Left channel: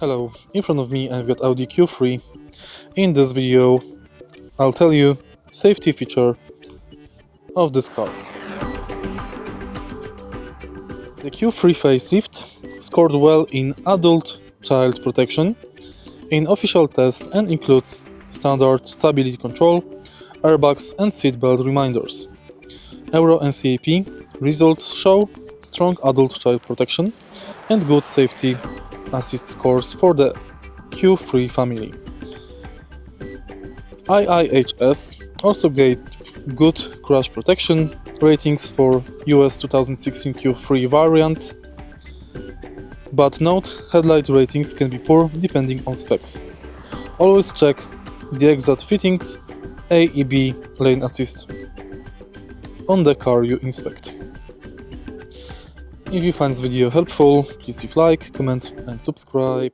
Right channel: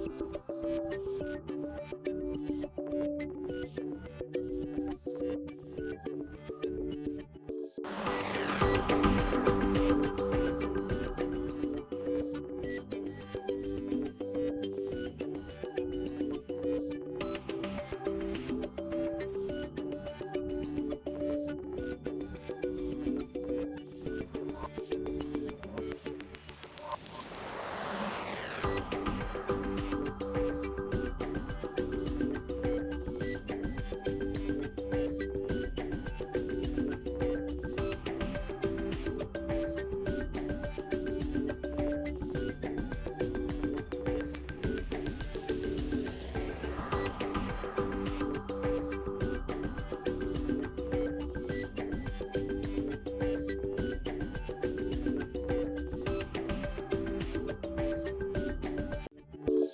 Hello, in front of me I've got Audi Q3. In this video I'll tell you safety feature of this car. The Q3 Facelift scored well in adult child protection in official tests and includes standard stability control, airbags and seatbelt reminders. Euro NCAP results show strong adult child protection and good safety assist scores for the Q3 family. IIHS also gave good crash protection ratings for US 2016 Q3 variants, but note headlight ratings can be poor depending on specs. Always check the exact fittings, AEB lane assist on the car you inspect. If you find this video helpful, please leave like, comment and subscribe.